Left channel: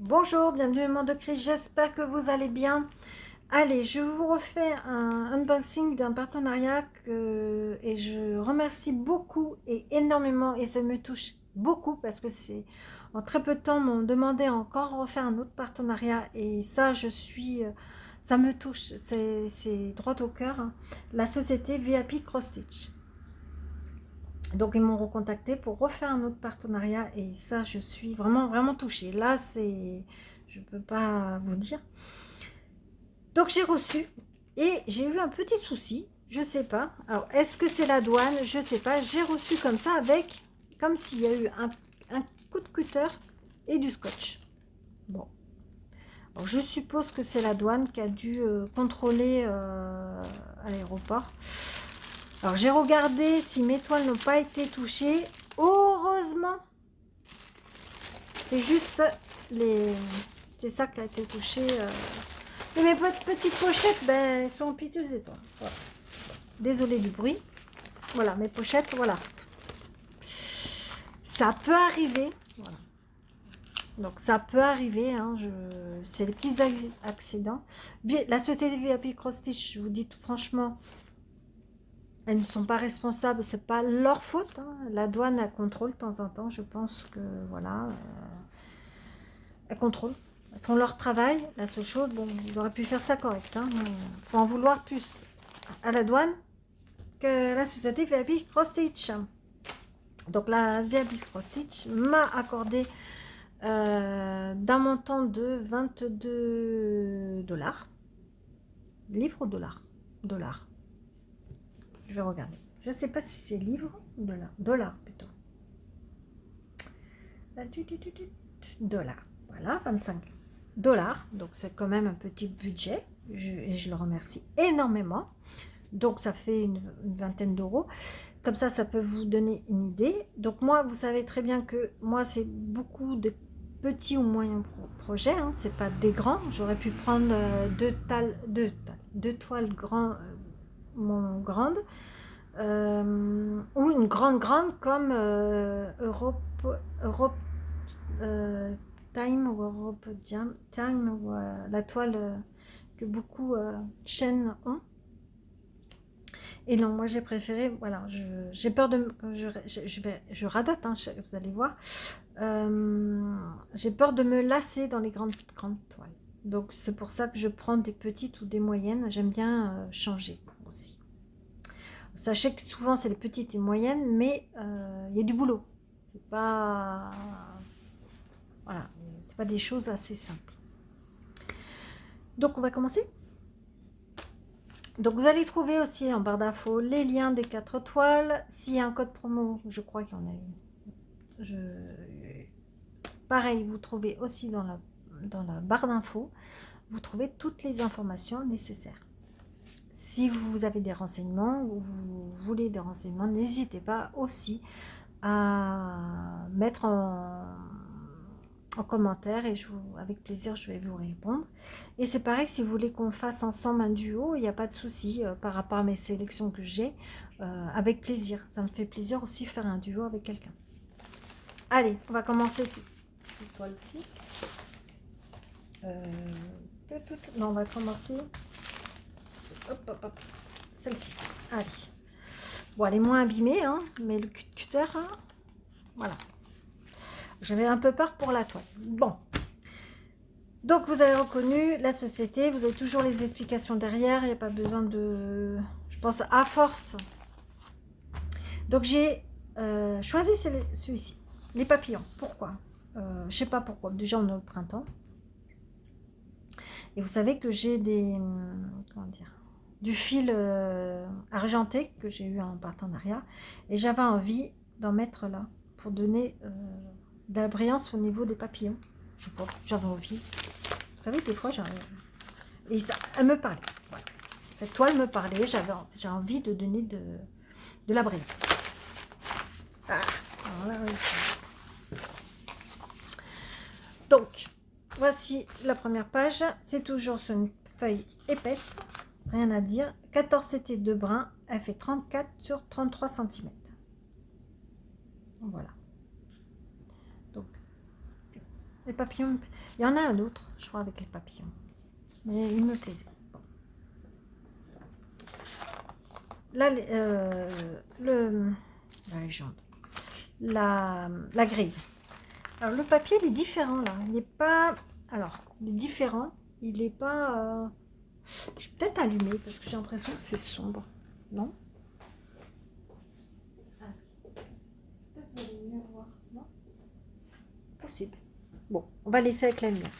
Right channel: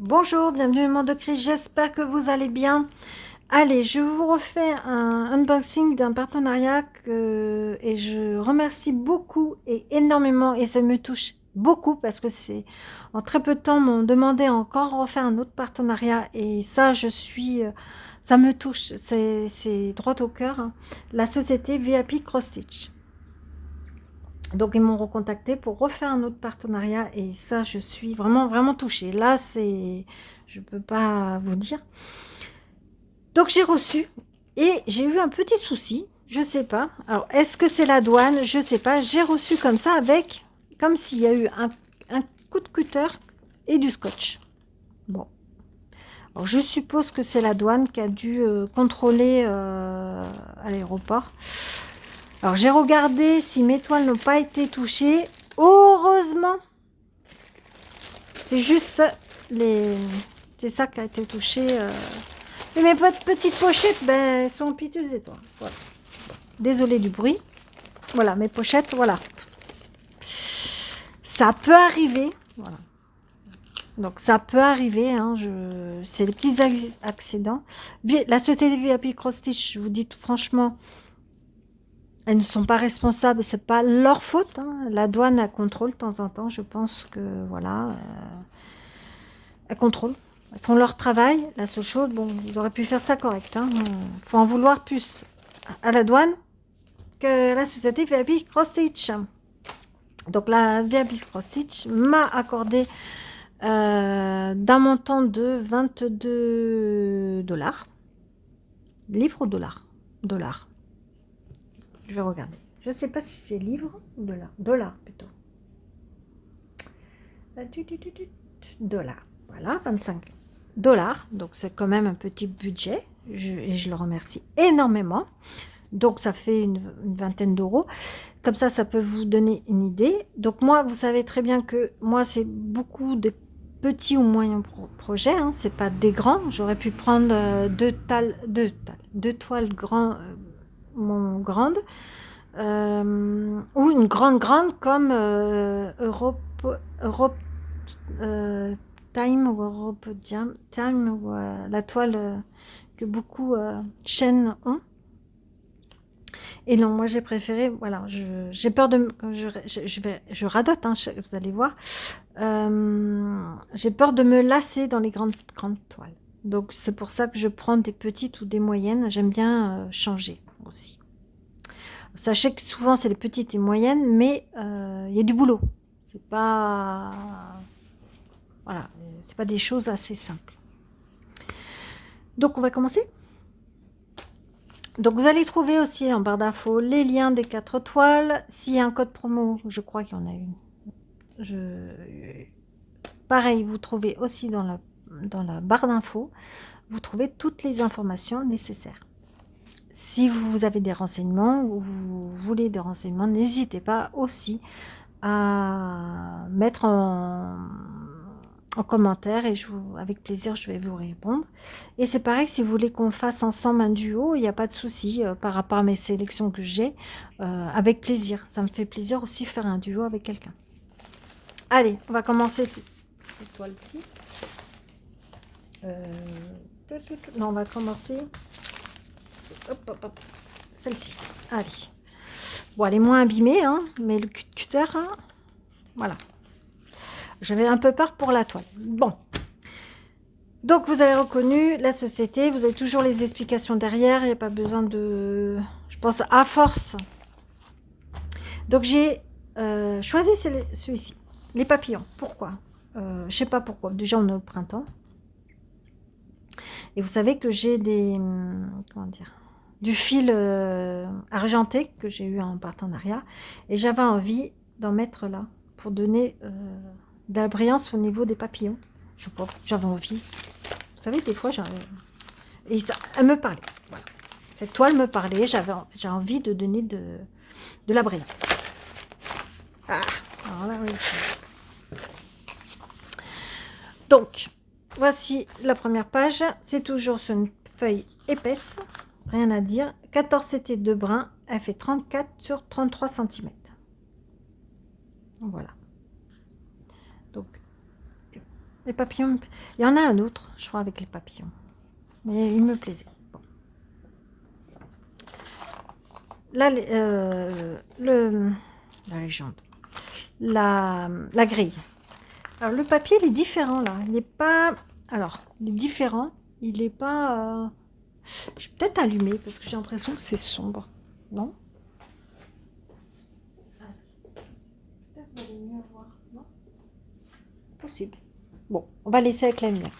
Bonjour, bienvenue au monde de Chris, j'espère que vous allez bien. Allez, je vous refais un unboxing d'un partenariat et je remercie beaucoup et énormément et ça me touche beaucoup parce que c'est en très peu de temps m'ont demandé encore refaire un autre partenariat et ça ça me touche, c'est droit au cœur, hein. La société VIP Cross Stitch. Donc ils m'ont recontacté pour refaire un autre partenariat et ça je suis vraiment touchée. Là je peux pas vous dire. Donc j'ai reçu et j'ai eu un petit souci, je sais pas. Alors est-ce que c'est la douane? Je sais pas. J'ai reçu comme ça avec, comme s'il y a eu un coup de cutter et du scotch. Bon, alors je suppose que c'est la douane qui a dû contrôler à l'aéroport. Alors j'ai regardé si mes toiles n'ont pas été touchées. Heureusement, c'est juste les, c'est ça qui a été touché. Et mes petites pochettes, ben, elles sont piteuses et toi. Voilà. Désolée du bruit. Voilà, mes pochettes, voilà. Ça peut arriver. Voilà. Donc ça peut arriver, hein, c'est les petits accidents. La société VIP Cross Stitch, je vous dis tout franchement, elles ne sont pas responsables, c'est pas leur faute, hein. La douane a contrôle de temps en temps, je pense que voilà, elles contrôlent. Elles font leur travail. La seule chose, bon, ils auraient pu faire ça correct, hein. Faut en vouloir plus à la douane que la société VIP Cross Stitch. Donc la VIP Cross Stitch m'a accordé d'un montant de 22 $. Livres ou dollars? Dollars. Je vais regarder. Je ne sais pas si c'est livres ou dollars. Dollars plutôt. Dollars. Voilà, 25 dollars. Donc c'est quand même un petit budget. Et je le remercie énormément. Donc ça fait une vingtaine d'euros. Comme ça peut vous donner une idée. Donc moi, vous savez très bien que moi, c'est beaucoup de petits ou moyens projets, hein. C'est pas des grands. J'aurais pu prendre deux toiles grandes ou une grande comme Europe Time ou Europe Time ou la toile que beaucoup chaînes ont. Et non, moi j'ai préféré, voilà, j'ai peur de, je radote, hein, vous allez voir. J'ai peur de me lasser dans les grandes toiles. Donc c'est pour ça que je prends des petites ou des moyennes. J'aime bien changer aussi. Sachez que souvent c'est les petites et moyennes, mais il y a du boulot. C'est pas, voilà, c'est pas des choses assez simples. Donc on va commencer. Donc vous allez trouver aussi en barre d'infos les liens des 4 toiles. S'il y a un code promo, je crois qu'il y en a une. Pareil, vous trouvez aussi dans la barre d'infos, vous trouvez toutes les informations nécessaires. Si vous avez des renseignements ou vous voulez des renseignements, n'hésitez pas aussi à mettre en commentaire et avec plaisir je vais vous répondre. Et c'est pareil, si vous voulez qu'on fasse ensemble un duo, il n'y a pas de souci par rapport à mes sélections que j'ai, avec plaisir. Ça me fait plaisir aussi faire un duo avec quelqu'un. Allez, on va commencer cette toile-ci. Non, on va commencer. Hop. Celle-ci. Allez. Bon, elle est moins abîmée, hein, mais le cutter, hein, voilà. J'avais un peu peur pour la toile. Bon. Donc, vous avez reconnu la société. Vous avez toujours les explications derrière. Il n'y a pas besoin de... Je pense à force. Donc, j'ai choisi celui-ci. Les papillons. Pourquoi je ne sais pas pourquoi. Déjà, on est au printemps. Et vous savez que j'ai du fil argenté que j'ai eu en partenariat. Et j'avais envie d'en mettre là pour donner de la brillance au niveau des papillons. Je sais pas, j'avais envie. Vous savez, des fois, et ça, elle me parlait. Voilà. Cette toile me parlait, j'ai envie de donner de la brillance. Ah, alors là, oui. Donc, voici la première page. C'est toujours sur une feuille épaisse. Rien à dire. 14 CT de brun. Elle fait 34 sur 33 cm. Voilà. Donc, Les papillons, il y en a un autre, je crois, avec les papillons. Mais il me plaisait. Bon. Là, la légende. La grille. Alors, le papier, il est différent, là. Il n'est pas... Alors, il est différent. Il n'est pas... Je vais peut-être allumer, parce que j'ai l'impression que c'est sombre. Non? Peut-être vous allez mieux voir. Non? Possible. Bon, on va laisser avec la lumière.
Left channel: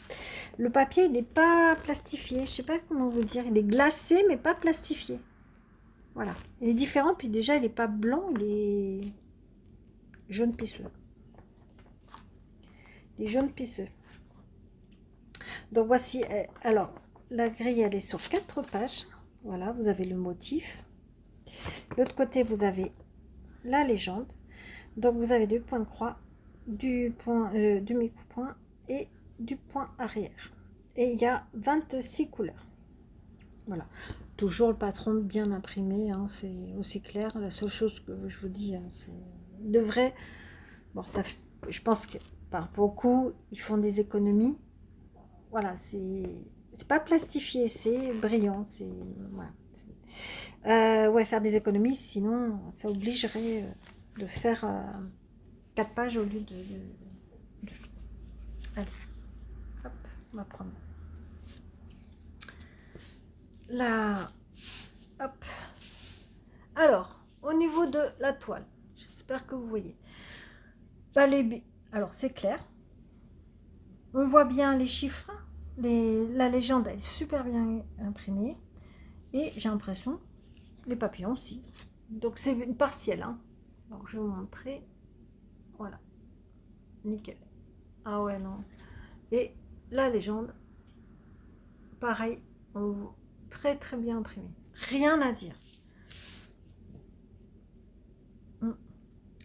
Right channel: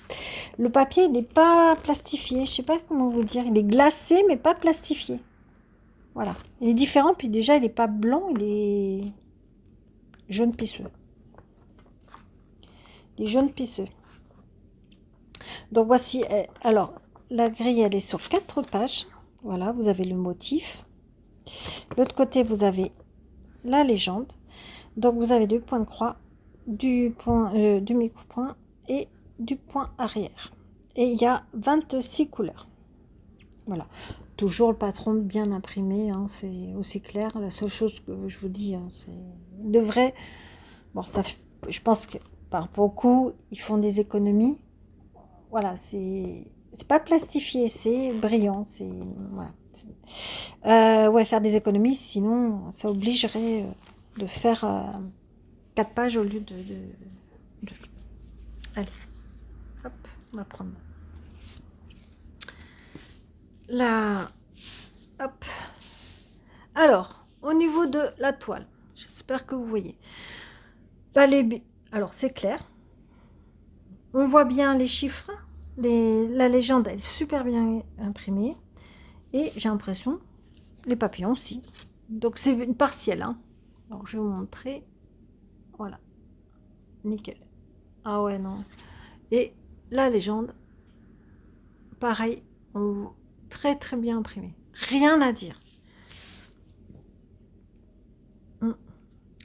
Le papier, il n'est pas plastifié. Je sais pas comment vous dire. Il est glacé, mais pas plastifié. Voilà. Il est différent, puis déjà, il n'est pas blanc, il est jaune pisseux. Il est jaune pisseux. Donc, voici. Alors, la grille, elle est sur 4 pages. Voilà, vous avez le motif. L'autre côté, vous avez la légende. Donc, vous avez 2 points de croix, du micro-point et du point arrière. Et il y a 26 couleurs. Voilà. Toujours le patron bien imprimé, hein, c'est aussi clair. La seule chose que je vous dis, hein, c'est de vrai. Bon, ça, je pense que par beaucoup, ils font des économies. Voilà, c'est pas plastifié, c'est brillant. C'est voilà. Ouais, faire des économies, sinon ça obligerait de faire 4 pages au lieu de... Allez, hop, on va prendre la... Hop. Alors, au niveau de la toile, j'espère que vous voyez. Alors, c'est clair. On voit bien les chiffres. La légende, elle est super bien imprimée. Et j'ai l'impression, les papillons aussi. Donc, c'est une partielle. Hein. Donc, je vais vous montrer. Voilà. Nickel. Ah ouais, non. Et la légende, pareil, très très bien imprimé. Rien à dire.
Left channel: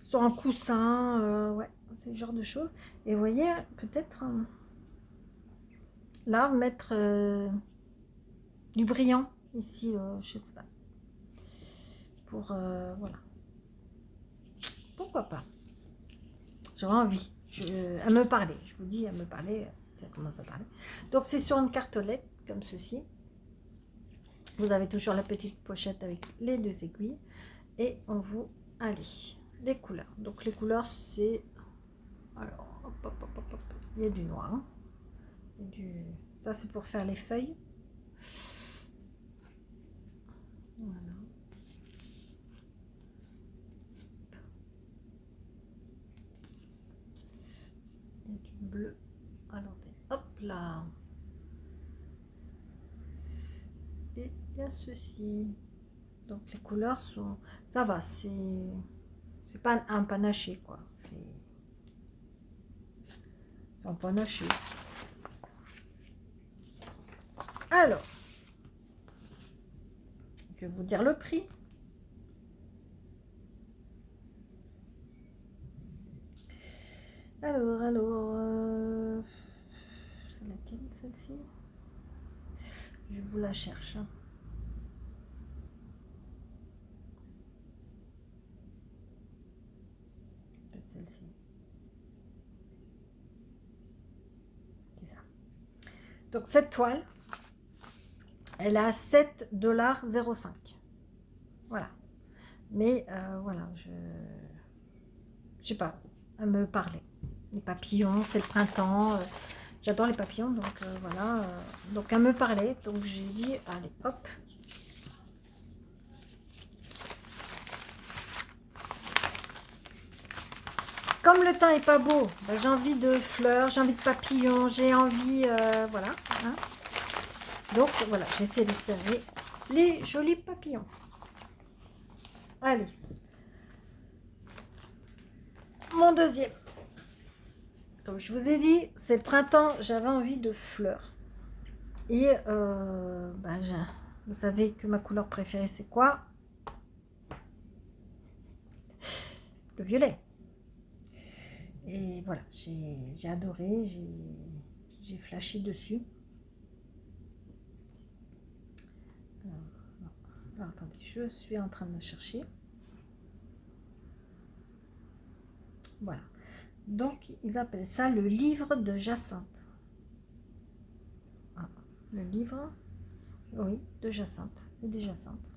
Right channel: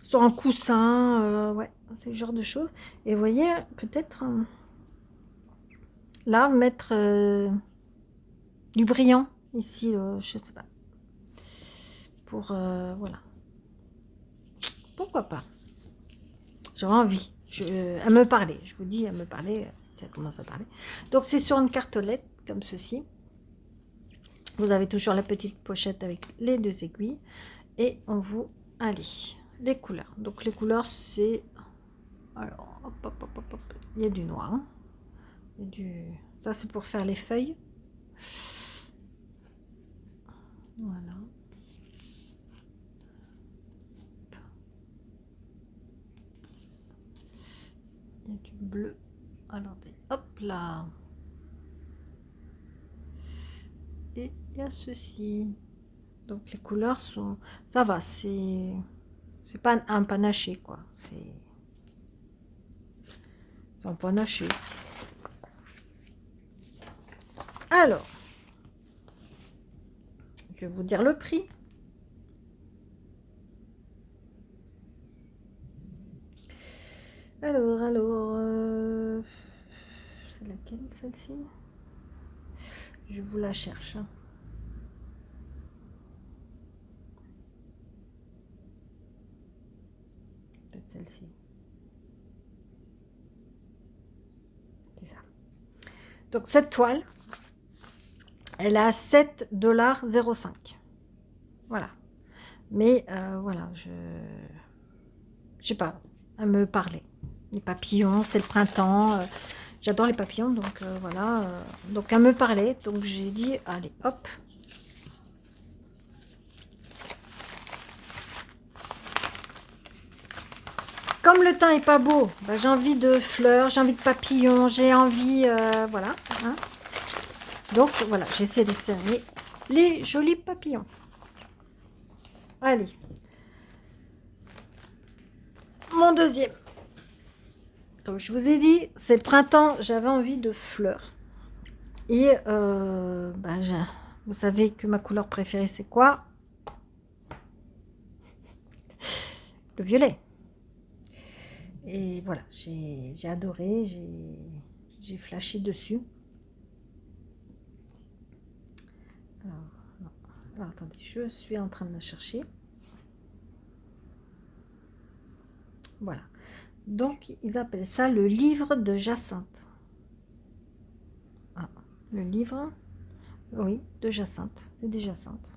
Sur un coussin, ouais, c'est ce genre de choses. Et vous voyez, peut-être là, mettre du brillant ici, je sais pas. Pour, voilà. Pourquoi pas? J'aurais envie. À me parler. Je vous dis, à me parler, ça commence à parler. Donc, c'est sur une cartolette, comme ceci. Vous avez toujours la petite pochette avec les 2 aiguilles. Et on vous... Allez, les couleurs. Donc, les couleurs, c'est... Alors, hop, hop, hop, hop, hop. Il y a du noir. Hein. Il y a du... Ça, c'est pour faire les feuilles. Voilà. Il y a du bleu. Attendez, hop là. Et il y a ceci. Donc les couleurs sont... Ça va, c'est pas un panaché, quoi. C'est un panaché. Alors, je vais vous dire le prix. Alors, c'est laquelle celle-ci? Je vous la cherche. Hein. Peut-être celle-ci. C'est ça. Donc cette toile, elle a 7,05 $. Voilà. Mais voilà, je sais pas, à me parler. Les papillons, c'est le printemps. J'adore les papillons, donc voilà. Donc à me parler, donc j'ai dit, allez, hop. Comme le temps est pas beau, bah, j'ai envie de fleurs, j'ai envie de papillons, j'ai envie, voilà. Hein. Donc voilà, j'essaie de servir les jolis papillons. Allez. Mon deuxième. Comme je vous ai dit, c'est le printemps, j'avais envie de fleurs. Et bah, vous savez que ma couleur préférée, c'est quoi? Le violet. Et voilà, j'ai adoré, j'ai flashé dessus. Alors, attendez, je suis en train de la chercher. Voilà. Donc, ils appellent ça le livre de Jacinthe. Ah, le livre, oui, de Jacinthe. C'est des Jacinthes.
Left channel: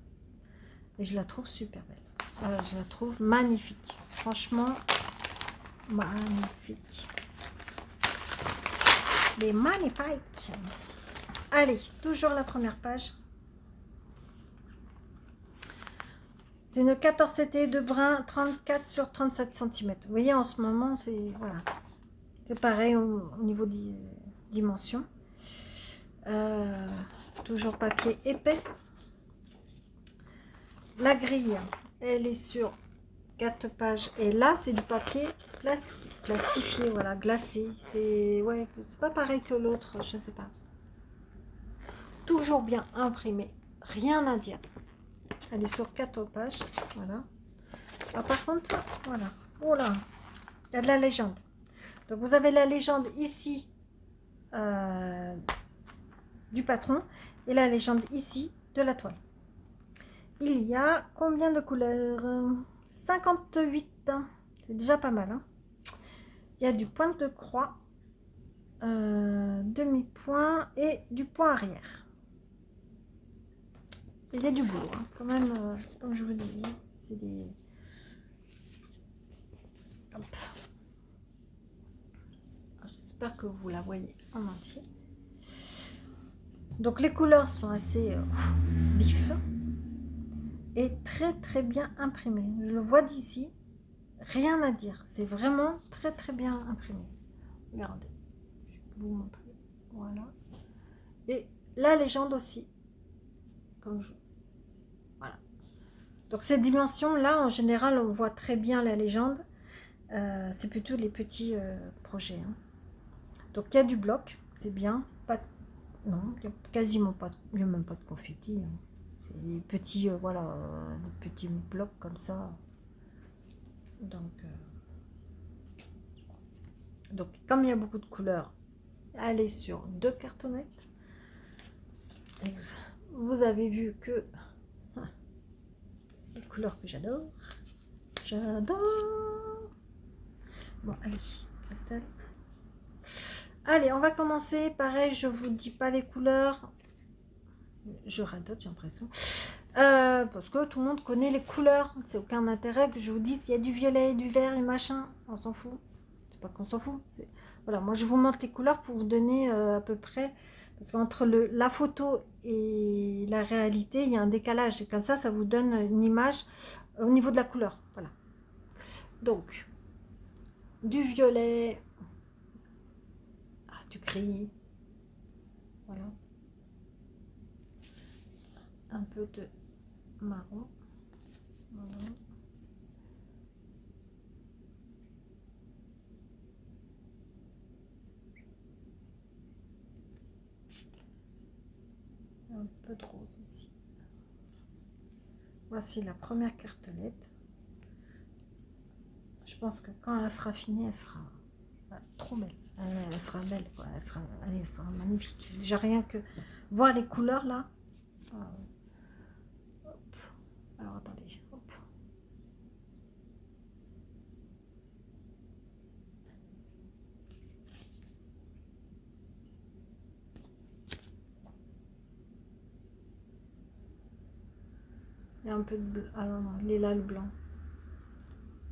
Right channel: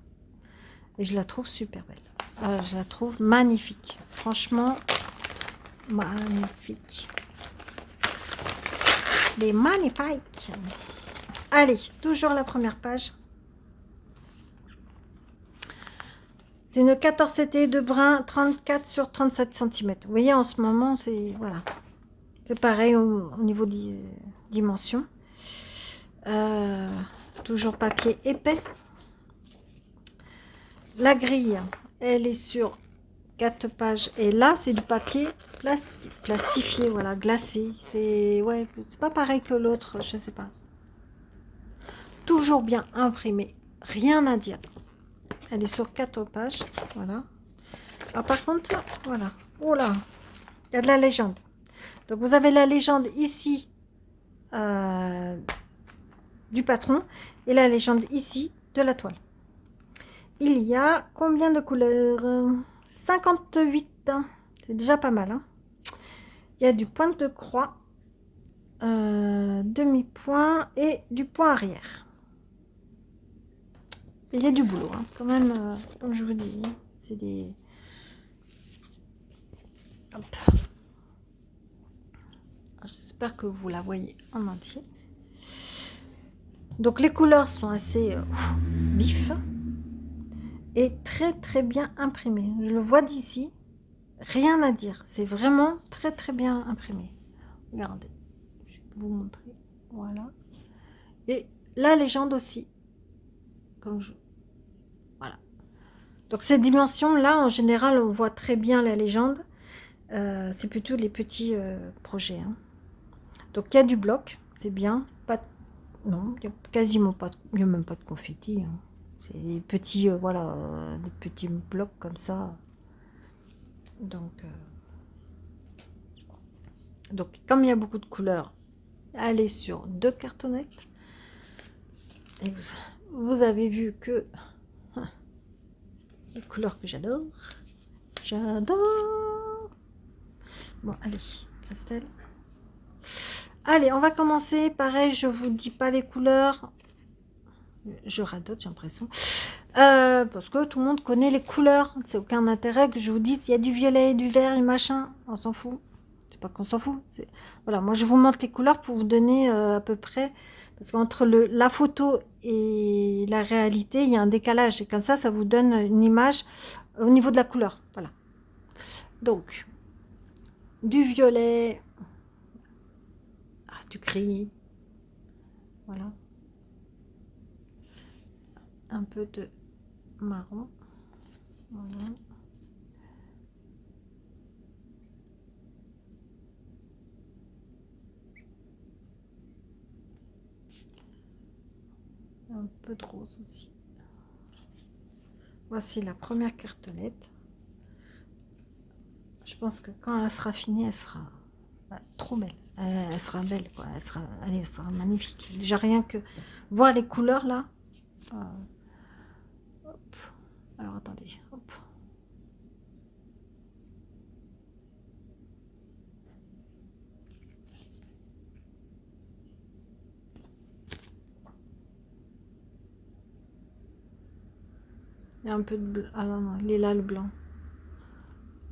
Et je la trouve super belle. Je la trouve magnifique. Franchement, magnifique. Les magnifiques. Allez, toujours la première page. C'est une 14 été de brun, 34 sur 37 cm. Vous voyez, en ce moment, c'est voilà, c'est pareil au niveau des dimensions. Toujours papier épais. La grille, elle est sur 4 pages. Et là, c'est du papier plastifié, voilà, glacé. C'est ouais, c'est pas pareil que l'autre, je sais pas. Toujours bien imprimé, rien à dire. Elle est sur 4 pages, voilà. Alors par contre, voilà, oh là, il y a de la légende. Donc vous avez la légende ici du patron et la légende ici de la toile. Il y a combien de couleurs? 58, c'est déjà pas mal. Hein. Il y a du point de croix, demi-point et du point arrière. Et il y a du boulot, hein. Quand même, comme je vous dis, c'est des... Hop. J'espère que vous la voyez en entier. Donc les couleurs sont assez vives et très très bien imprimées. Je le vois d'ici, rien à dire. C'est vraiment très très bien imprimé. Regardez, je vais vous montrer. Voilà. Et la légende aussi. Comme je... Voilà. Donc ces dimensions-là, en général, on voit très bien la légende. C'est plutôt les petits projets. Hein. Donc il y a du bloc, c'est bien. Pas... Non, il n'y a quasiment pas, il n'y a même pas de confetti. Hein. C'est des petits, voilà, des petits blocs comme ça. Donc, comme il y a beaucoup de couleurs, elle est sur 2 cartonnettes. Et vous avez vu que les couleurs que j'adore. J'adore. Bon, allez, Christelle. Allez, on va commencer. Pareil, je vous dis pas les couleurs. Je radote, j'ai l'impression. Parce que tout le monde connaît les couleurs. C'est aucun intérêt que je vous dise il y a du violet, du vert et machin. On s'en fout. C'est pas qu'on s'en fout. Voilà, moi je vous montre les couleurs pour vous donner à peu près. Parce qu'entre la photo et la réalité, il y a un décalage. Et comme ça vous donne une image au niveau de la couleur. Voilà. Donc, du violet, du gris. Voilà. Un peu de marron. Voilà. Un peu de rose aussi. Voici la première cartonnette. Je pense que quand elle sera finie, elle sera trop belle. Elle sera belle, quoi. Elle sera magnifique. Déjà rien que voir les couleurs là. Hop. Alors attendez. Hop. Il y a un peu de bleu. Ah non, non, il est là le blanc.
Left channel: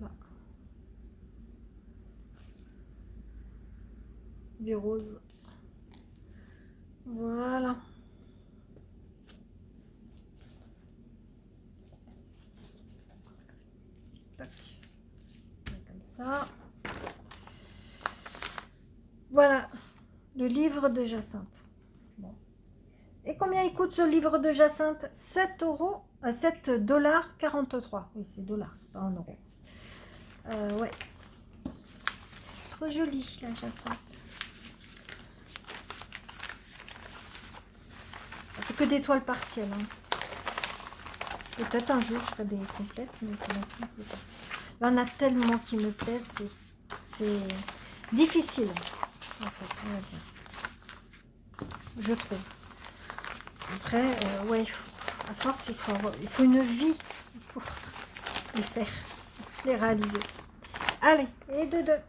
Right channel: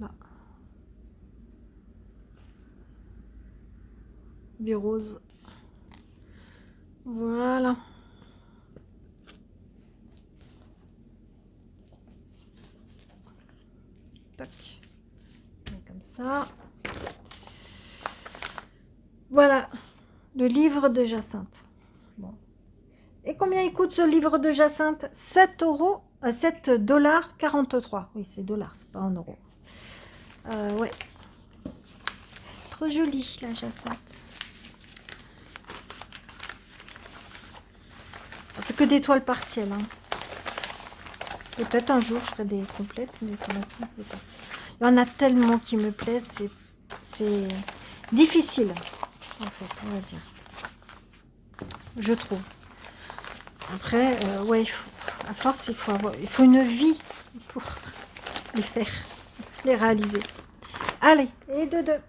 Là. Du rose. Voilà. Tac. Comme ça. Voilà. Le livre de Jacinthe. Bon. Et combien il coûte ce livre de Jacinthe? 7 euros. 7,43 $. Oui, c'est dollars, c'est pas en euros. Ouais. Trop jolie la Jacinthe. C'est que des toiles partielles. Hein. Peut-être un jour je ferai des complètes, mais pour l'instant c'est des partielles. Il y en a tellement qui me plaisent, c'est difficile en fait, on va dire. Je trouve. Après, ouais, à force, il faut une vie pour les faire, les réaliser. Allez, et de deux.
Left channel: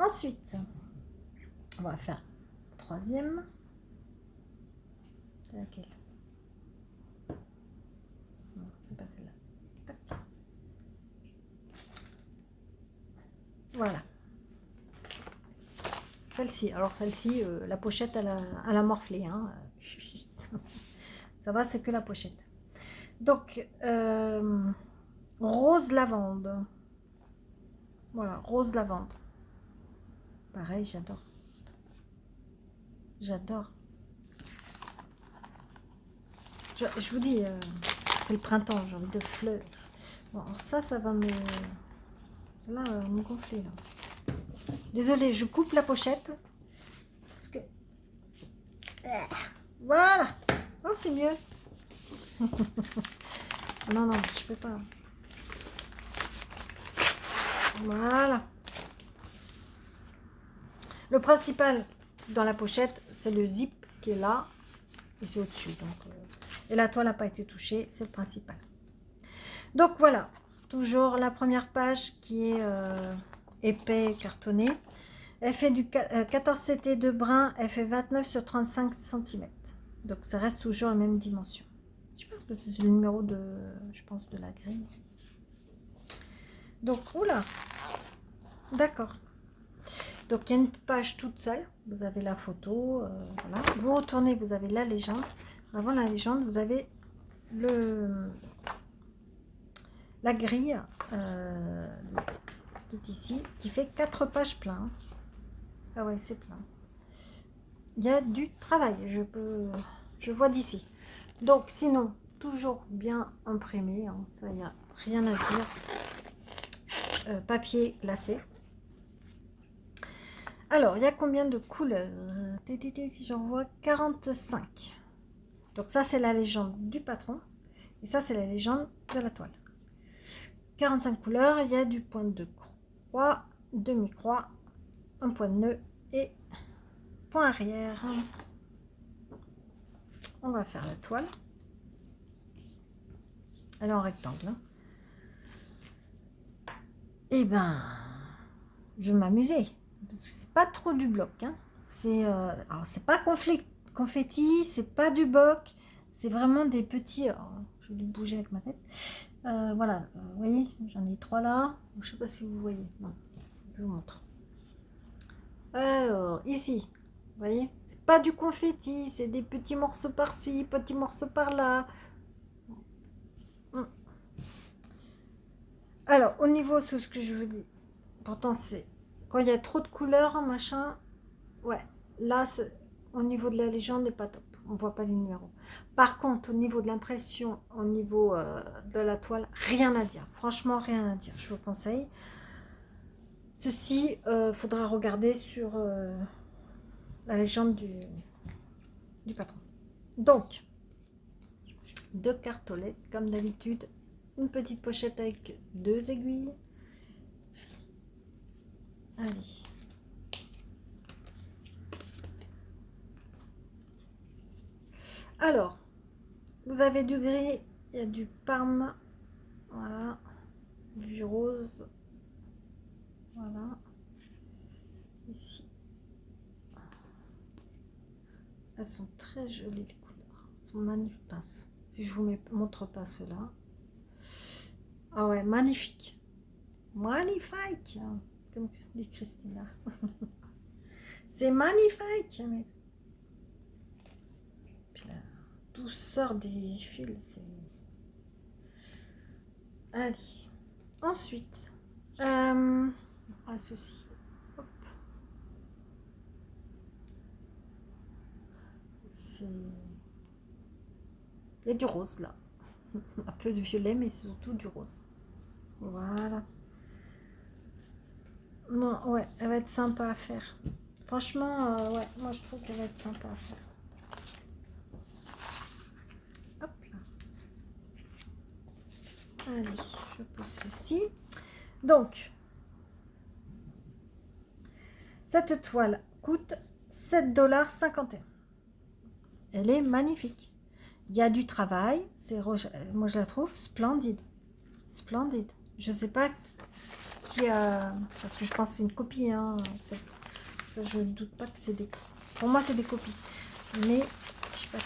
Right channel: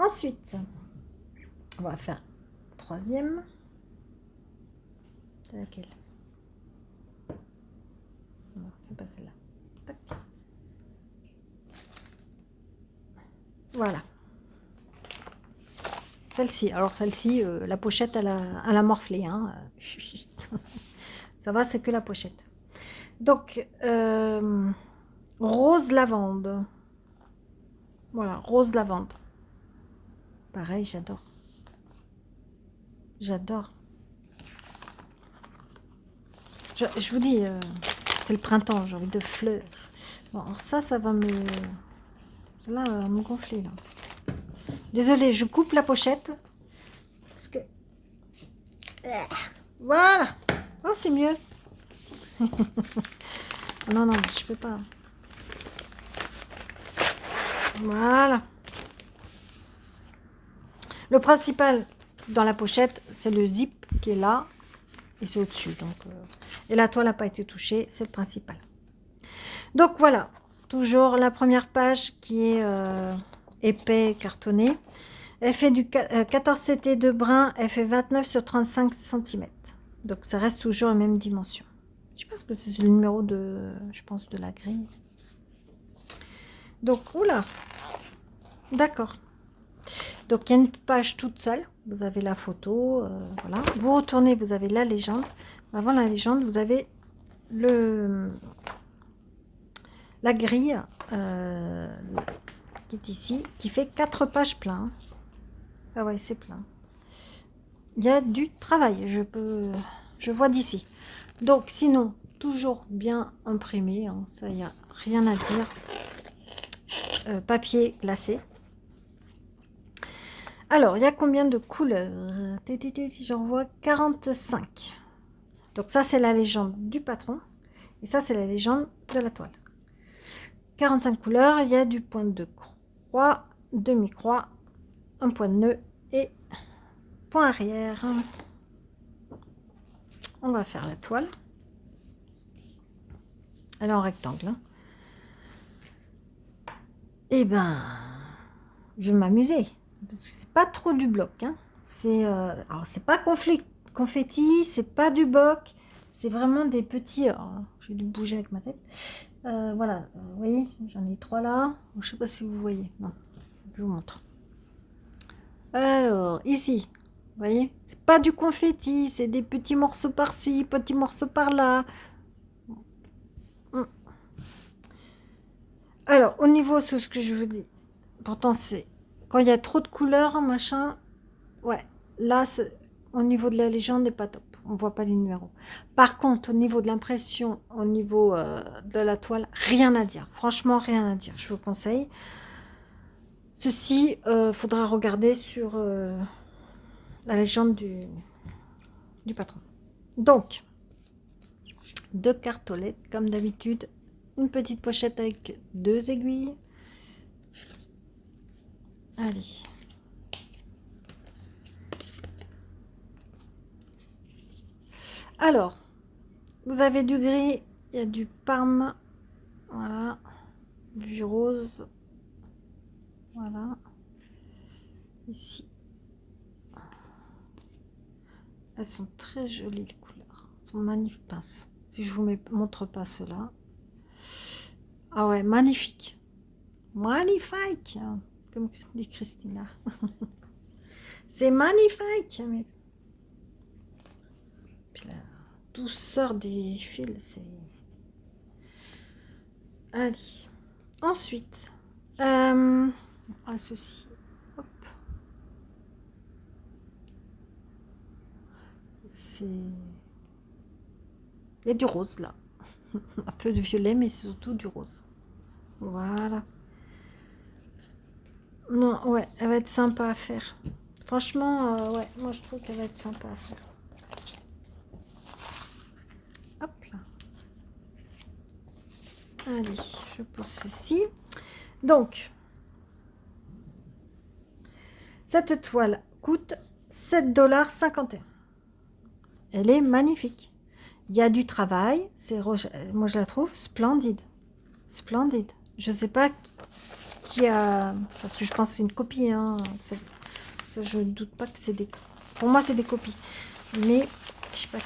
Ensuite, on va faire troisième. C'est laquelle? Non, c'est pas celle-là. Tac. Voilà. Celle-ci. Alors celle-ci, la pochette, elle a morflé. Hein. Ça va, c'est que la pochette. Donc, rose lavande. Voilà, rose lavande. Pareil, j'adore. J'adore. Je vous dis, c'est le printemps, j'ai envie de fleurs. Bon, alors ça va me... Là, me gonfler, là. Désolée, je coupe la pochette. Parce que... Voilà. Oh, c'est mieux. Non, non, je peux pas. Voilà. Le principal dans la pochette, c'est le zip qui est là. Et c'est au-dessus. Donc, et la toile n'a pas été touchée, c'est le principal. Donc voilà, toujours la première page qui est épais, cartonné. Elle fait du 14 CT de brun, elle fait 29 sur 35 cm. Donc ça reste toujours la même dimension. Je pense que c'est le numéro de, je pense, de la grille. Donc, oula, d'accord. Donc il y a une page toute seule, vous avez la photo, voilà. Vous retournez, vous avez la légende. Avant la légende, vous avez la grille qui est ici, qui fait 4 pages plein. Ah ouais, c'est plein. Il y a du travail, je vois d'ici. Donc sinon, toujours bien imprimé, hein, ça, il n'y a rien à dire. Papier glacé. Alors, il y a combien de couleurs? J'en vois 45. Donc ça, c'est la légende du patron. Et ça, c'est la légende de la toile. 45 couleurs. Il y a du point de croix, demi-croix, un point de nœud et point arrière. On va faire la toile. Elle est en rectangle. Hein. Eh ben, je vais m'amuser. C'est pas trop du bloc. Hein. Alors, c'est pas confetti, c'est pas du bloc. C'est vraiment des petits... J'ai dû bouger avec ma tête. Voilà, vous voyez, j'en ai 3 là. Je sais pas si vous voyez. Non, je vous montre. Alors, ici, vous voyez, c'est pas du confetti, c'est des petits morceaux par-ci, petits morceaux par-là. Alors, au niveau, c'est ce que je vous dis. Pourtant, c'est quand il y a trop de couleurs, machin. Ouais, là, au niveau de la légende, n'est pas top. On voit pas les numéros. Par contre, au niveau de l'impression, au niveau de la toile, rien à dire. Franchement, rien à dire. Je vous conseille. Ceci, faudra regarder sur la légende du patron. Donc, 2 cartolets, comme d'habitude. Une petite pochette avec 2 aiguilles. Allez. Alors, vous avez du gris, il y a du parme, voilà, du rose, voilà, ici. Elles sont très jolies les couleurs, elles sont magnifiques. Si je vous montre pas cela, ah ouais, magnifique, magnifique, comme dit Christina. C'est magnifique, mais puis la douceur des fils, c'est... Allez, ensuite, ceci, hop, c'est... Il y a du rose là, un peu de violet, mais surtout du rose. Voilà. Non, ouais, elle va être sympa à faire. Franchement, ouais, moi je trouve qu'elle va être sympa à faire. Hop là. Allez, je pose ceci. Donc, cette toile coûte 7,51 $. Elle est magnifique. Il y a du travail. Moi, je la trouve splendide. Splendide. Je ne sais pas qui a... Parce que je pense que c'est une copie. Hein, ça, je ne doute pas que c'est des... Pour moi, c'est des copies. Mais, je sais pas qui.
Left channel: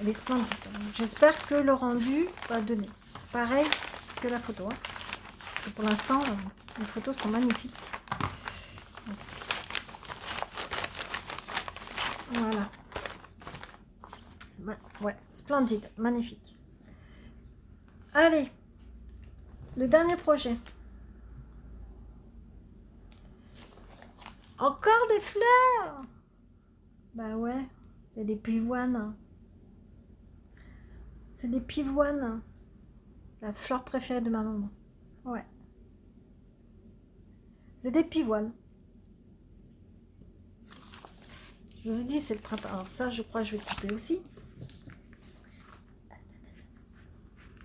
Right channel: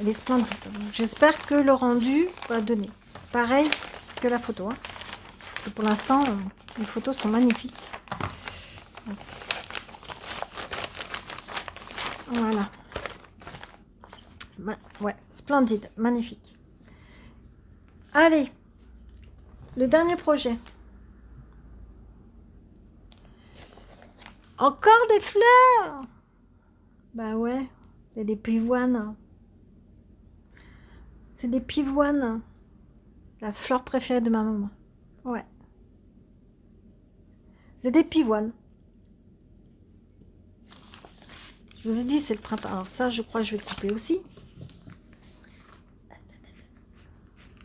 Elle est splendide. J'espère que le rendu va donner. Pareil que la photo. Hein. Parce que pour l'instant, les photos sont magnifiques. Voilà. Ouais, splendide, magnifique. Allez, le dernier projet. Encore des fleurs. Bah ouais, c'est des pivoines. C'est des pivoines. La fleur préférée de ma maman. Ouais. C'est des pivoines. Je vous ai dit, c'est le printemps. Alors ça, je crois que je vais couper aussi.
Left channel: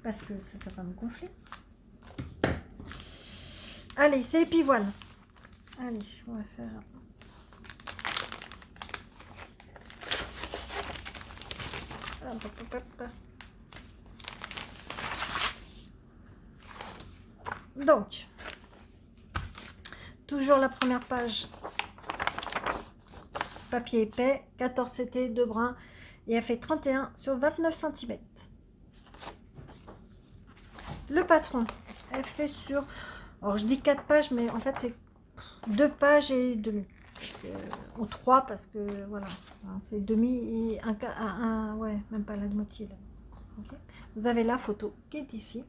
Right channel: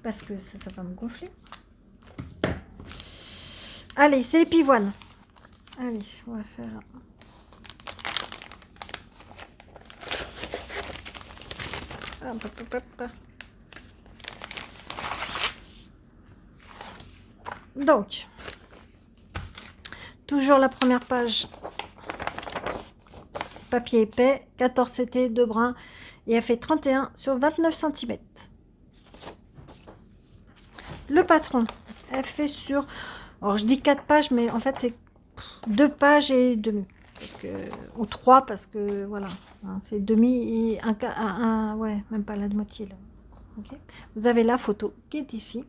Parce que ça va me gonfler. Allez, c'est les pivoines. Allez, on va faire... Donc, toujours la première page. Papier épais, 14 CT, 2 brins. Et elle fait 31 sur 29 cm. Le patron, elle fait sur... Alors, je dis 4 pages, mais en fait, c'est 2 pages et demi. Parce que, ou 3, parce que, voilà. Hein, c'est demi et un... Ouais, même pas la moitié, là. Okay. Vous avez la photo qui est ici.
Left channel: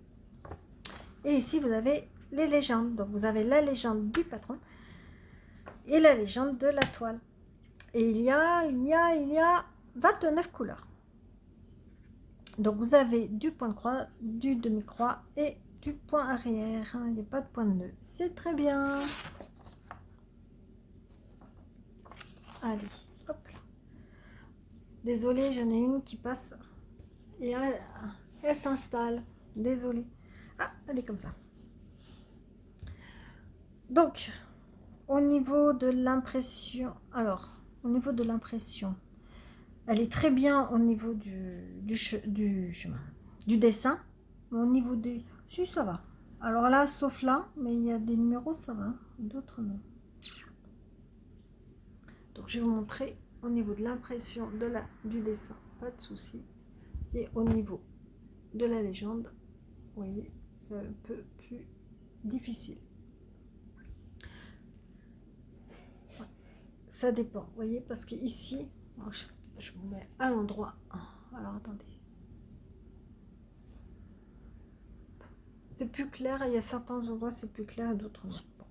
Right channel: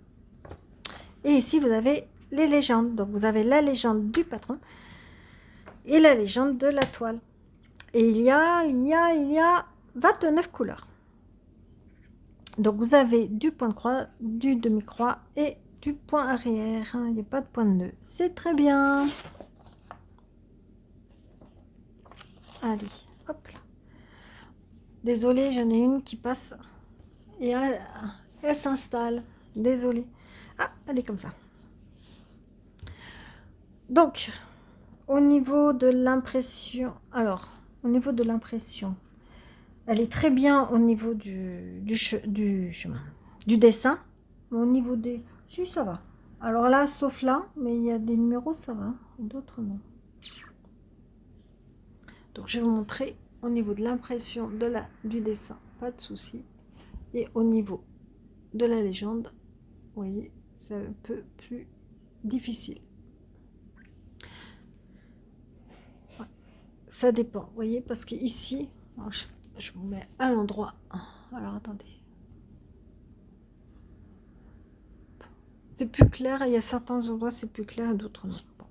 Et ici, vous avez les légendes. Donc, vous avez la légende du patron et la légende de la toile. Et il y a 29 couleurs. Donc, vous avez du point de croix, du demi-croix et du point arrière. Il n'y a pas de point de nœud. C'est très bien. Allez, hop. Désolée, j'en ai une qui passe. Et elle s'installe. Désolée. Ah, elle est comme ça. Donc, au niveau de l'impression... Alors, au niveau de l'impression... Elle est très bien au niveau du dessin. Au niveau des... Si, ça va. Alors là, sauf là, mais il y a des numéros, ça va. D'autres, non. Donc, je vais vous montrer au niveau de l'impression du dessin. Pas de souci. Et au niveau de la légende, vous voyez, c'est un peu plus difficile. Ouais. Ça dépend, vous voyez, parce que ici, je vous mets à l'endroit. Alors, attendez. C'est plus clair, il y a certains endroits c'est plus clair et d'autres non. Bon.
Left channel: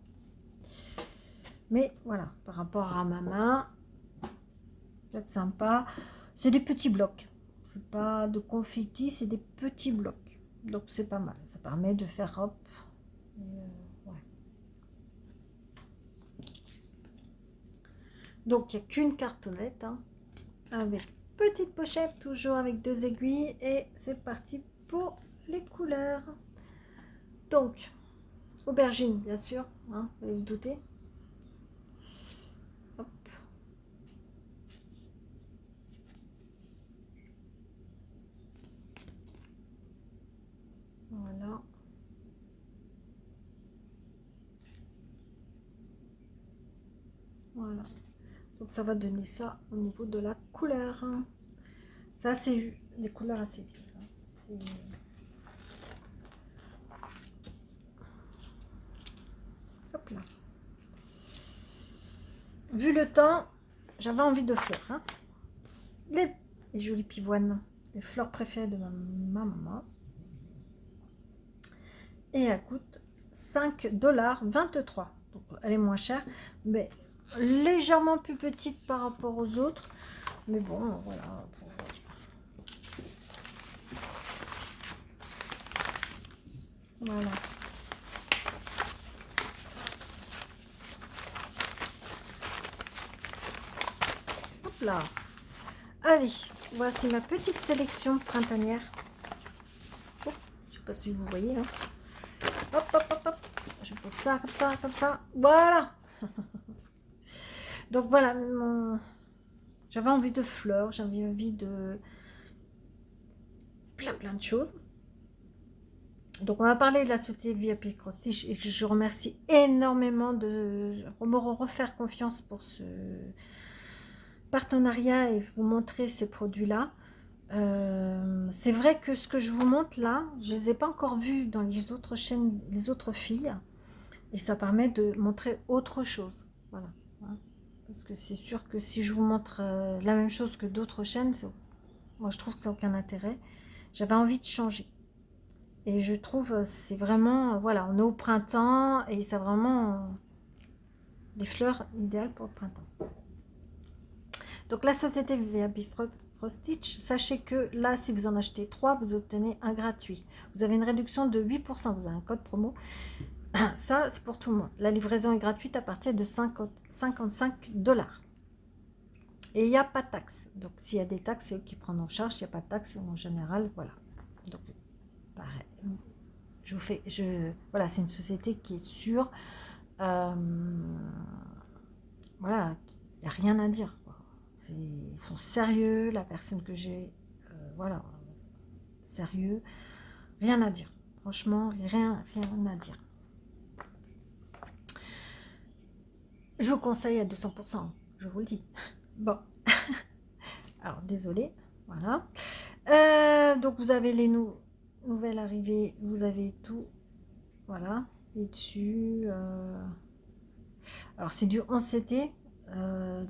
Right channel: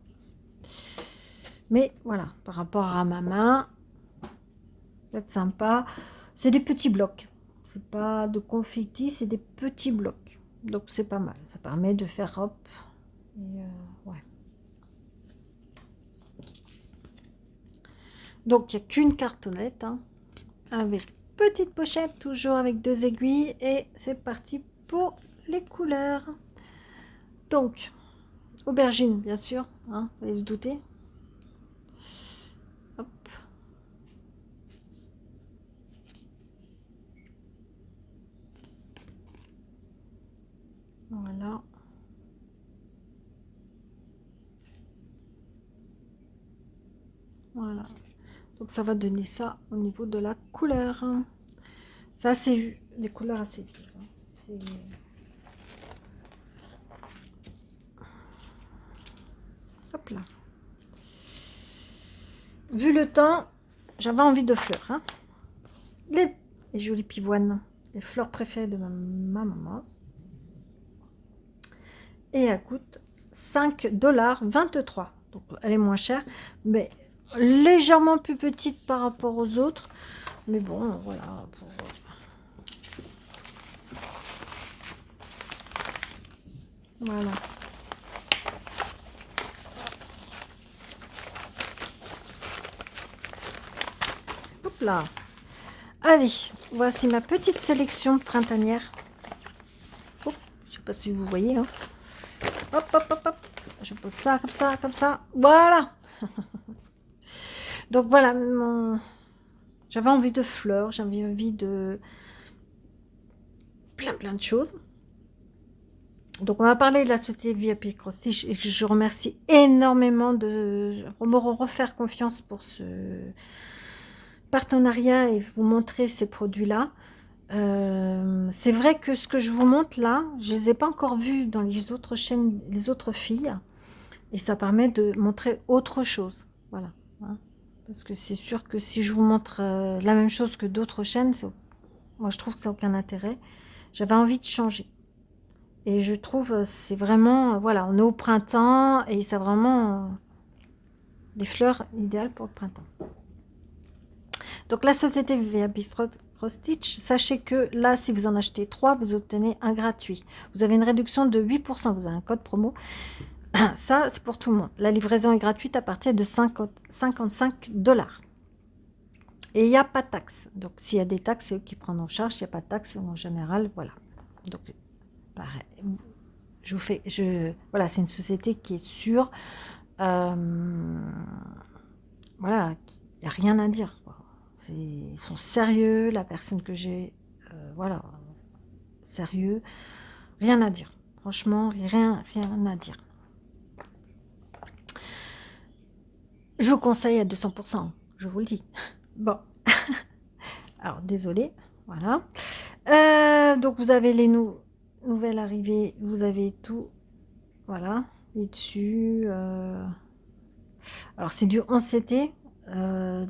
Mais voilà, par rapport à ma main, c'est sympa. C'est des petits blocs. C'est pas de confetti, c'est des petits blocs. Donc c'est pas mal. Ça permet de faire hop. Et ouais. Donc il n'y a qu'une cartonnette hein, avec petite pochette, toujours avec 2 aiguilles. Et c'est parti pour les couleurs. Donc, aubergine, bien sûr, hein, vous allez se douter. Hop. Voilà. Voilà. Donc ça va donner ça au niveau de la couleur. C'est assez des couleurs assez vives. Hop là. Vu le temps, j'avais envie de fleurs. Hein. Les jolies pivoines, les fleurs préférées de ma maman. Et elle coûte 5,23 $. Donc elle est moins chère, mais légèrement plus petite par rapport aux autres. Mais bon, voilà. Voilà. Hop là. Allez, voici ma petite sélection printanière. Oh, je sais pas si vous voyez. Hein. Hop, hop, hop, hop. Je pose ça comme ça, comme ça. Voilà. Donc voilà, j'avais envie de fleurs, j'avais envie de plein de choses. Donc, on va parler de la société VIP Cross Stitch et que je remercie énormément de me refaire confiance pour ce partenariat et vous montrer ces produits-là. C'est vrai que ce que je vous montre là, je ne les ai pas encore vus dans les autres chaînes, les autres filles, et ça permet de montrer autre chose. Voilà. Hein. Parce que c'est sûr que si je vous montre la même chose que d'autres chaînes, moi je trouve que ça n'a aucun intérêt. J'avais envie de changer. Et je trouve c'est vraiment, voilà, on est au printemps et c'est vraiment les fleurs idéales pour le printemps. Donc la société VA Bistro Cross Stitch, sachez que là, si vous en achetez 3, vous obtenez un gratuit. Vous avez une réduction de 8%, vous avez un code promo. Ça, c'est pour tout le monde. La livraison est gratuite à partir de 55 $. Et il n'y a pas de taxe. Donc s'il y a des taxes, c'est eux qui prennent en charge. Il n'y a pas de taxe en général, voilà. Donc pareil. Voilà, c'est une société qui est sûre. Voilà, il n'y a rien à dire. Ils sont sérieux, la personne que j'ai, voilà, sérieux, rien à dire. Franchement, rien à dire. Je vous conseille à 200%, je vous le dis. Bon, alors désolé, voilà. Donc vous avez les nouvelles arrivées, vous avez tout, voilà, et dessus. Alors c'est du 11CT.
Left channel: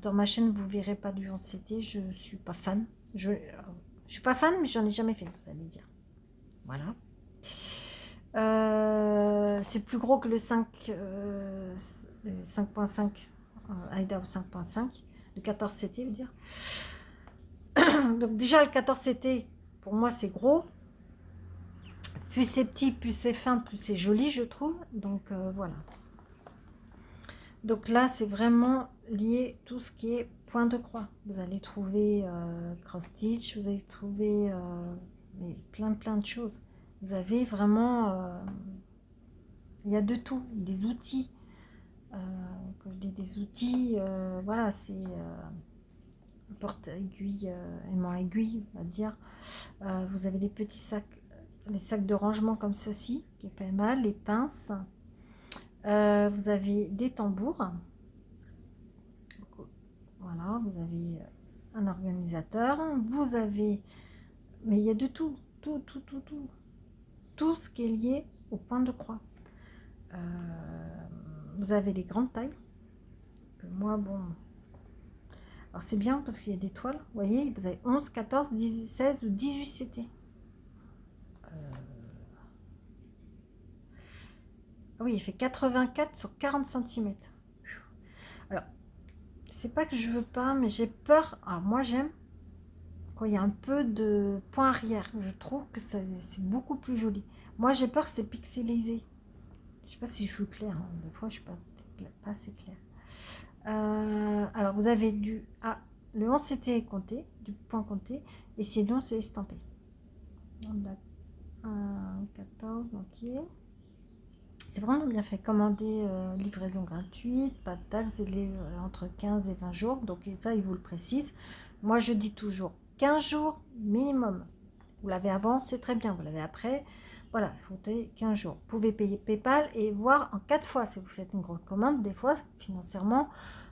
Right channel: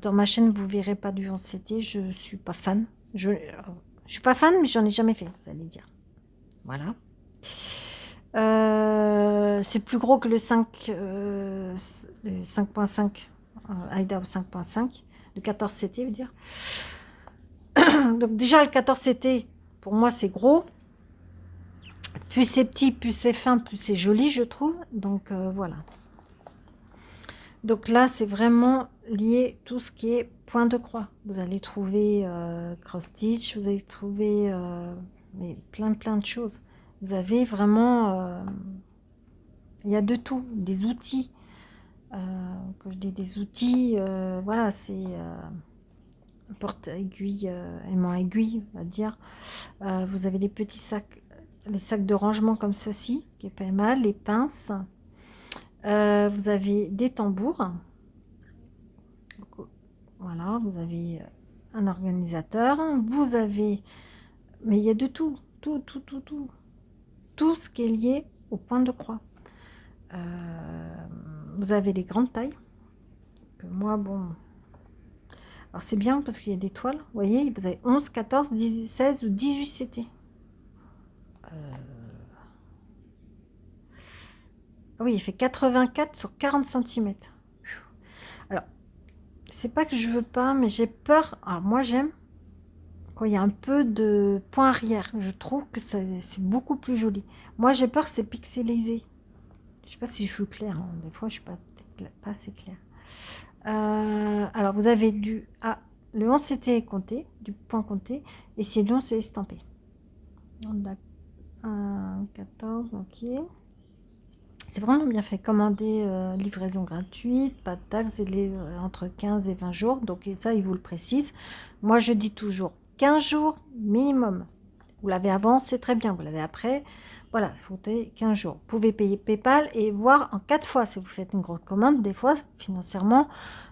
Dans ma chaîne, vous verrez pas du 11CT. Je suis pas fan. Je suis pas fan, mais j'en ai jamais fait, vous allez dire. Voilà. C'est plus gros que le 5.5 Idaho 5.5, le 14CT, veut dire. Donc déjà le 14CT, pour moi c'est gros. Plus c'est petit, plus c'est fin, plus c'est joli, je trouve. Donc voilà. Donc là, c'est vraiment lié tout ce qui est point de croix. Vous allez trouver cross stitch, vous allez trouver mais plein de choses. Vous avez vraiment, il y a de tout, des outils. Quand je dis des outils, voilà, c'est porte-aiguille, aimant aiguille, on va dire. Vous avez les petits sacs, les sacs de rangement comme ceci, qui est pas mal, les pinces. Vous avez des tambours. Voilà, vous avez un organisateur, vous avez, mais il y a de tout, tout ce qui est lié au point de croix. Vous avez les grandes tailles, que moi, bon, alors c'est bien parce qu'il y a des toiles, vous voyez, vous avez 11, 14, 10, 16 ou 18 CT. Oui, il fait 84 sur 40 cm. Alors, c'est pas que je veux pas, mais j'ai peur. Alors moi j'aime quand il y a un peu de point arrière. Je trouve que c'est beaucoup plus joli. Moi j'ai peur que c'est pixelisé. Je sais pas si je suis claire. Hein. Des fois je suis pas assez claire. Alors vous avez le 11 c'était compté, du point compté, et sinon c'est estampé. 14, ok. C'est vraiment bien fait. Commander, livraison gratuite, pas de taxes, entre 15 et 20 jours. Donc ça, il vous le précise. Moi, je dis toujours 15 jours minimum. Vous l'avez avant, c'est très bien. Vous l'avez après, voilà, il faut 15 jours. Vous pouvez payer PayPal et voir en 4 fois si vous faites une grosse commande. Des fois, financièrement,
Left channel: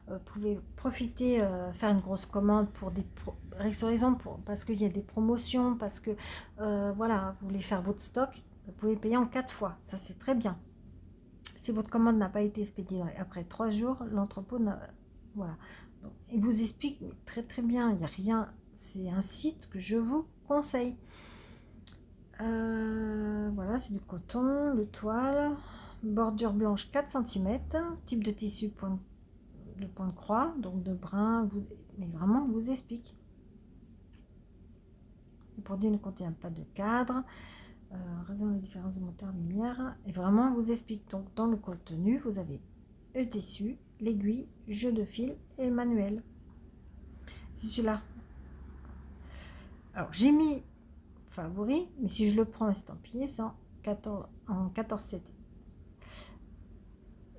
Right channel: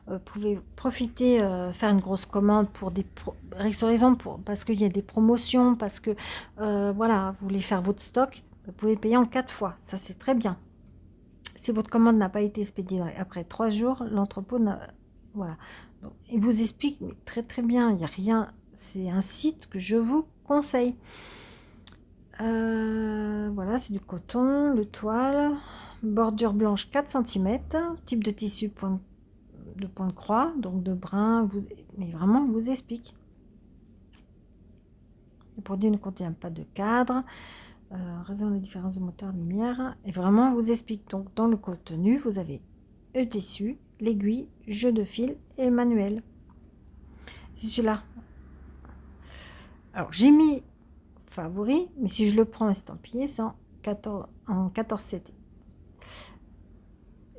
vous pouvez profiter, faire une grosse commande pour des raisons parce qu'il y a des promotions, parce que voilà, vous voulez faire votre stock. Vous pouvez payer en 4 fois. Ça, c'est très bien. Si votre commande n'a pas été expédiée après 3 jours, l'entrepôt n'a... Voilà. Bon, il vous explique mais très bien. Il n'y a rien. C'est un site que je vous conseille. Voilà, c'est du coton, le toile, bordure blanche 4 cm, type de tissu de point de croix, donc de brin, mais vraiment, il vous explique. Le produit ne contient pas de cadre. Raison de différence de moteur lumière, et vraiment vous explique. Donc dans le contenu vous avez le tissu, l'aiguille, jeu de fil et le manuel. C'est celui-là. Alors j'ai mis favori, mais si je le prends estampillé c'est en 14 CT.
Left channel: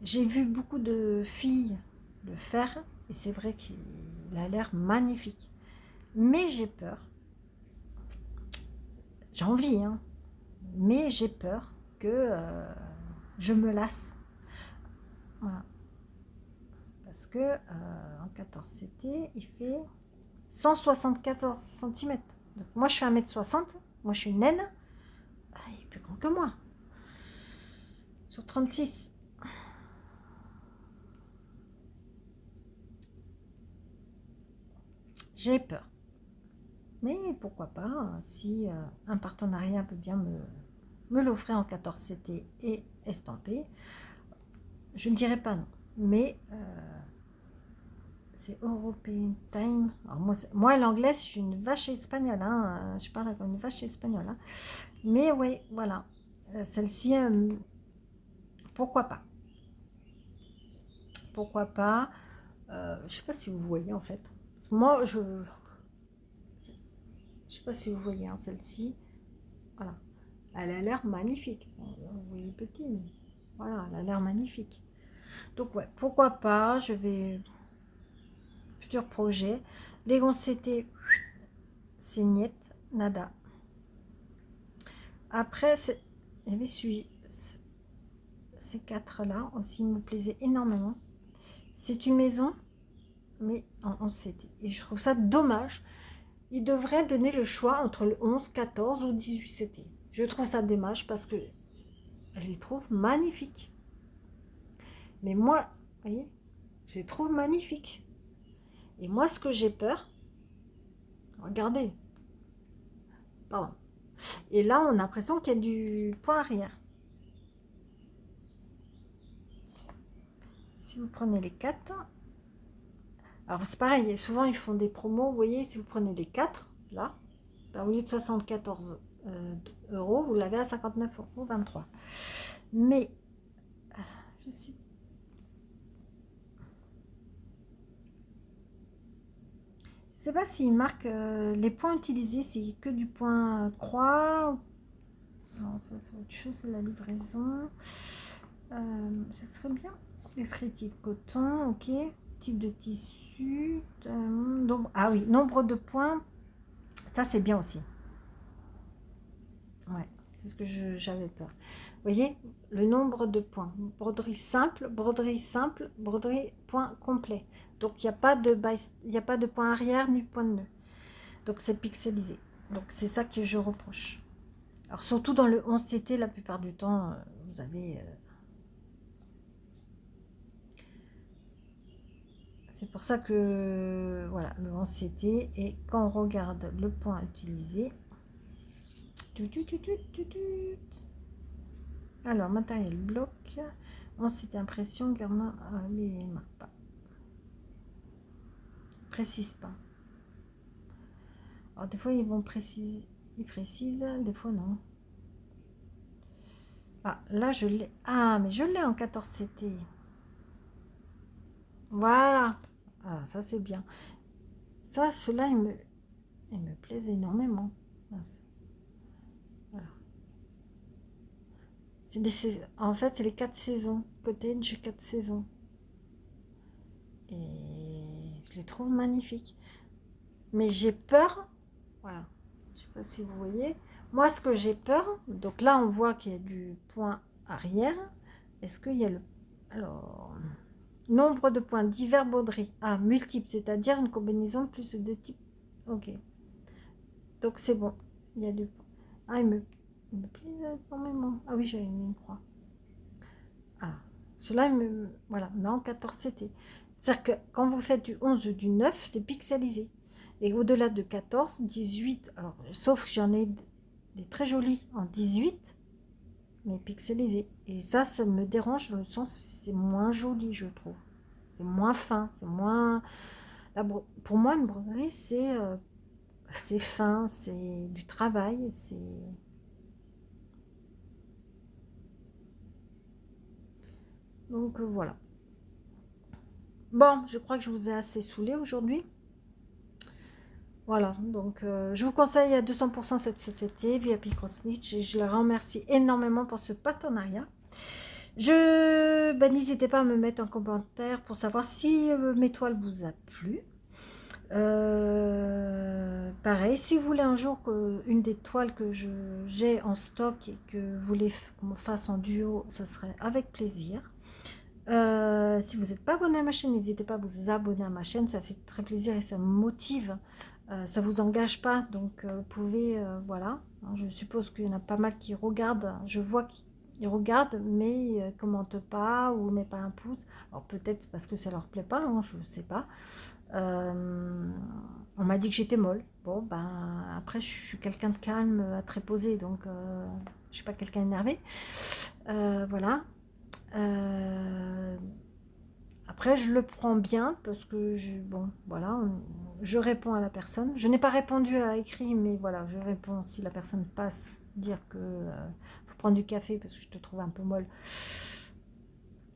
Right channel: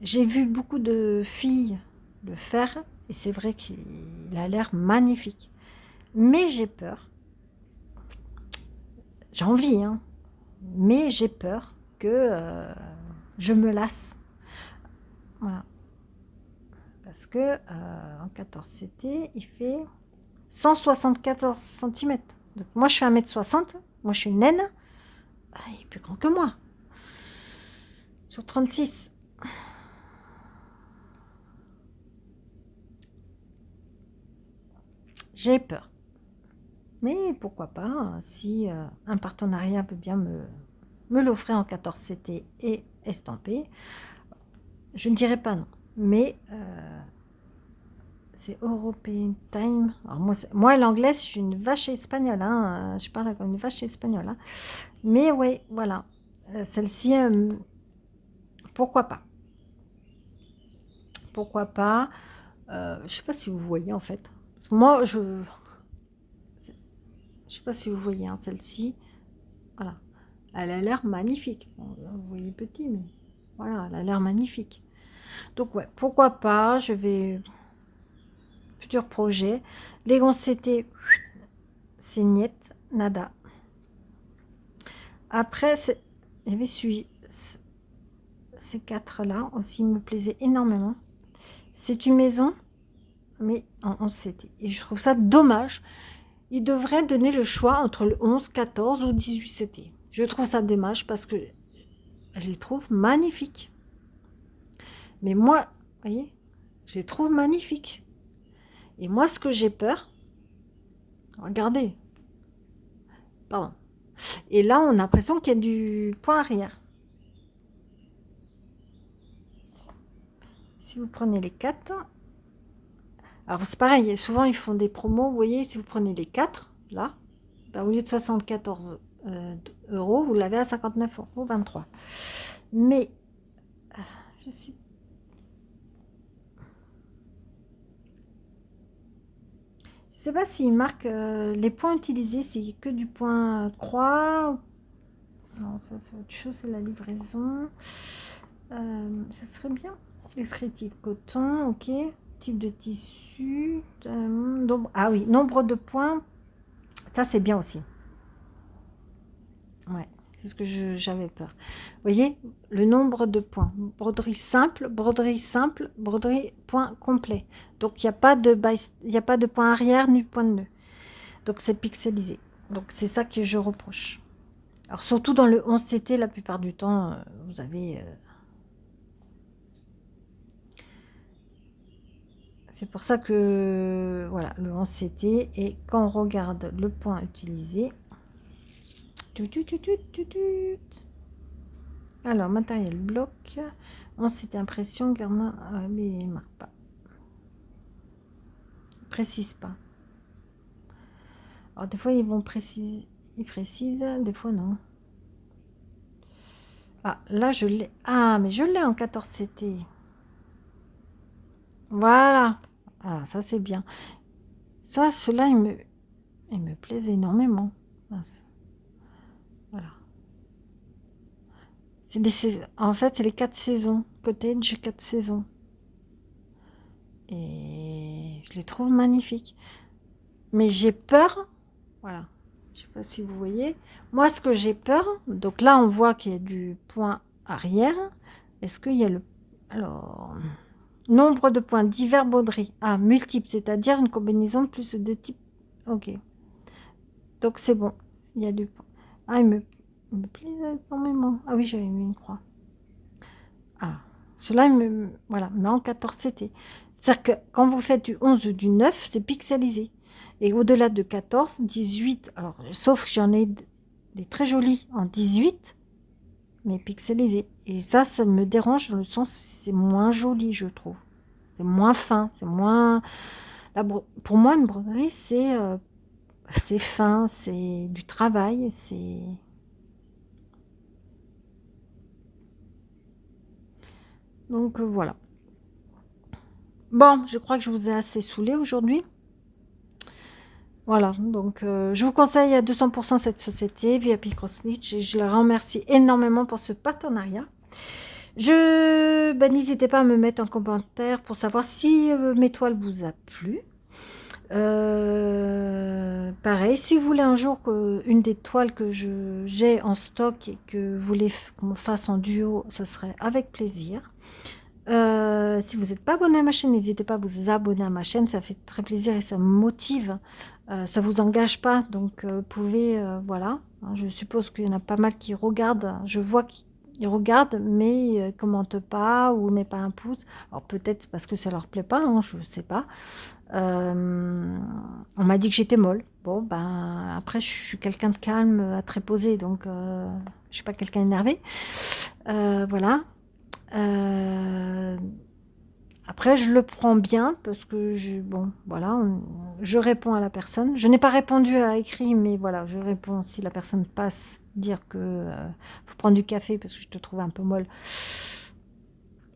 J'ai vu beaucoup de filles le faire et c'est vrai qu'il a l'air magnifique, mais j'ai peur, j'ai envie hein, mais j'ai peur que je me lasse. Voilà. Parce que en 14CT, il fait 174 cm. Donc moi, je fais 1m60. Moi, je suis une naine. Il est plus grand que moi. Sur 36. J'ai peur. Mais pourquoi pas, si un partenariat veut bien me l'offrir en 14CT et estampé, je ne dirais pas non. Mais c'est European Time. Alors moi l'anglais, je suis une vache espagnole. Hein, je parle comme une vache espagnole. Hein. Mais oui, voilà. Celle-ci, pourquoi pas? Pourquoi pas? Je ne sais pas si vous voyez en fait. Parce que moi, je ne sais pas si vous voyez hein, celle-ci. Voilà. Elle a l'air magnifique. Bon, vous voyez petit, mais voilà, elle a l'air magnifique. Donc ouais, pourquoi pas, je vais... Futur projet. Les c'était c'est niet, nada. Après, il y avait ces quatre-là aussi me plaisaient énormément. C'est une maison, mais en 11 CT. Et je trouve ça dommage. Ils devraient donner le choix entre le 11, 14 ou 18 CT. Je trouve ça dommage parce que je les trouve magnifiques. Mais moi, vous voyez, je les trouve magnifiques. Et moi, ce que j'ai peur, regardez, pardon. Et là, on a l'impression qu'il y a du point arrière. Si vous prenez les 4, alors c'est pareil, souvent ils font des promos, vous voyez, si vous prenez les 4, là, ben, au lieu de 74 euros, vous l'avez à 59 euros 23. Mais, je sais pas s'il marque les points utilisés, c'est que du point croix. Non, ça c'est autre chose, c'est la livraison. Ça serait bien. Descriptif coton, ok. Type de tissu. Ah oui, nombre de points. Ça c'est bien aussi. Ouais, c'est ce que j'avais peur. Vous voyez, le nombre de points. Broderie simple, broderie point complet. Donc il n'y a pas de point arrière ni point de nœud. Donc c'est pixelisé. Donc c'est ça que je reproche. Alors surtout dans le 11CT, la plupart du temps, vous avez... c'est pour ça que, voilà, le 11CT, et quand on regarde le point utilisé... Alors, matériel bloc, 11CT impression, Garmin, mais il ne marque pas. Il précise pas. Alors des fois, ils vont préciser, ils précisent, des fois non. Ah, là, je l'ai. Ah, mais je l'ai en 14CT. Voilà. Ah, ça, c'est bien. Ça, cela, il me plaise énormément. Voilà. En fait, c'est les 4 saisons. Cottage, 4 saisons. Et je les trouve magnifiques. Mais j'ai peur. Voilà. Je sais pas si vous voyez. Moi, ce que j'ai peur, donc là, on voit qu'il y a du point arrière. Est-ce qu'il y a le... Alors, nombre de points, divers broderies. Ah, multiples, c'est-à-dire une combinaison de plus de 2 types. Ok. Donc, c'est bon. Il y a du point. Ah, il me plaît énormément. Ah oui, j'avais mis une croix. Ah, cela, voilà, mais en 14CT. C'est-à-dire que quand vous faites du 11 ou du 9, c'est pixelisé. Et au-delà de 14, 18, alors, sauf que j'en ai des très jolis en 18, mais pixelisés. Et ça me dérange dans le sens, c'est moins joli, je trouve. C'est moins fin, c'est moins... Pour moi, une broderie, c'est fin, c'est du travail, c'est... Donc, voilà. Bon, je crois que je vous ai assez saoulé aujourd'hui. Voilà, donc je vous conseille à 200% cette société, VIP Crossstitch, et je les remercie énormément pour ce partenariat. N'hésitez pas à me mettre en commentaire pour savoir si mes toiles vous a plu. Pareil, si vous voulez un jour une des toiles que j'ai en stock et que vous voulez qu'on fasse en duo, ça serait avec plaisir. Si vous n'êtes pas abonné à ma chaîne, n'hésitez pas à vous abonner à ma chaîne, ça fait très plaisir et ça me motive. Ça vous engage pas, donc vous pouvez, voilà. Hein, je suppose qu'il y en a pas mal qui regardent. Je vois qu'ils regardent, mais commentent pas ou mettent pas un pouce. Alors peut-être parce que ça leur plaît pas, hein, je sais pas. On m'a dit que j'étais molle. Bon, ben après, je suis quelqu'un de calme, très posé, donc je suis pas quelqu'un énervé. Voilà. Euh, Après, je le prends bien parce que bon, voilà, je réponds à la personne. Je n'ai pas répondu à écrit, mais voilà, je réponds si la personne passe, dire que faut prendre du café parce que je te trouve un peu molle.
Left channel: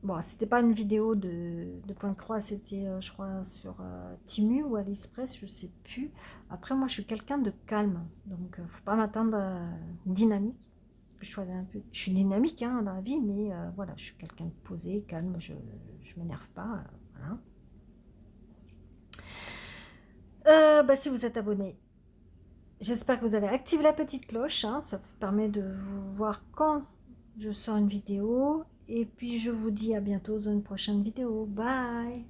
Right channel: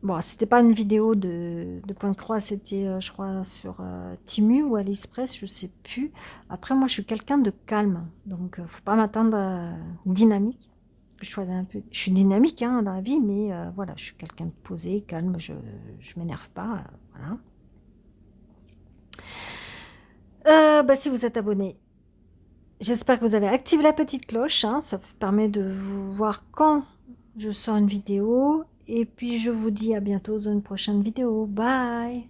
Bon, c'était pas une vidéo de point de croix, c'était, je crois, sur Timu ou AliExpress, je sais plus. Après, moi, je suis quelqu'un de calme, donc faut pas m'attendre à dynamique. Je suis dynamique hein, dans la vie, mais voilà, je suis quelqu'un de posé, calme, je m'énerve pas, voilà. Bah, si vous êtes abonné, j'espère que vous avez activé la petite cloche, hein, ça permet de vous voir quand je sors une vidéo. Et puis je vous dis à bientôt dans une prochaine vidéo. Bye!